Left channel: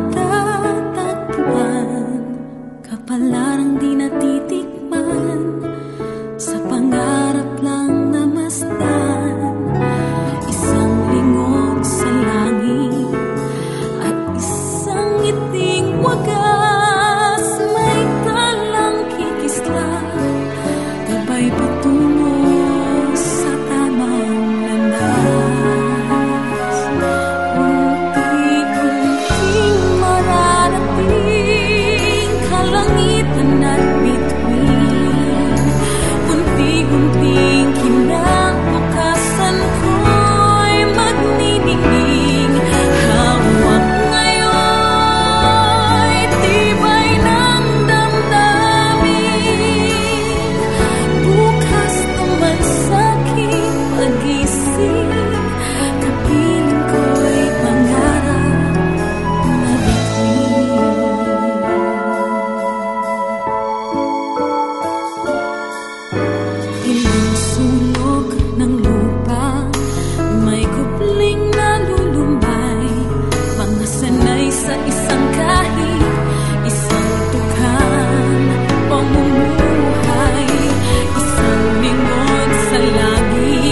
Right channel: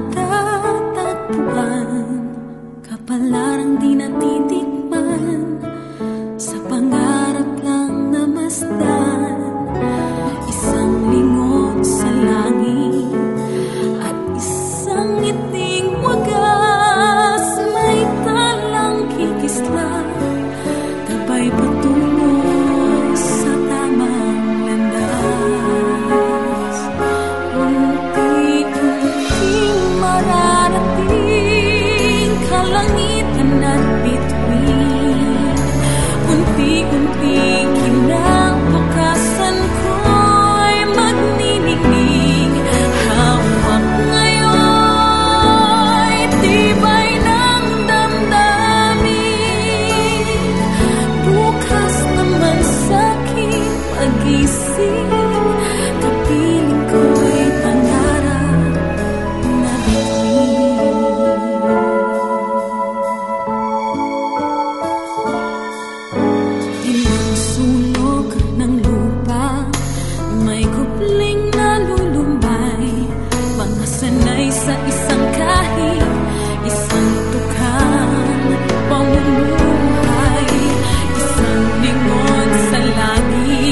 matatagpuan, kapalarang di natitikman, sa pangarap lang namasdan. Isang lingon sa langit at isang ngiting wagas, may talang kikisla, gabay patungo sa tamang landas. Unti-unting mararating kalangitan at bituin, unti-unting kinabukasan ko'y magniningning. Hawak ngayon tibay ng damdamin, bukas naman sa'king pag-ising, kapiling ko'y pangarap na bituin. Ilang sulok ng lupa, may kupling na lulumbay, mga sanay sa isang kahig, isang tukang pamumuhay, isang lingon sa langit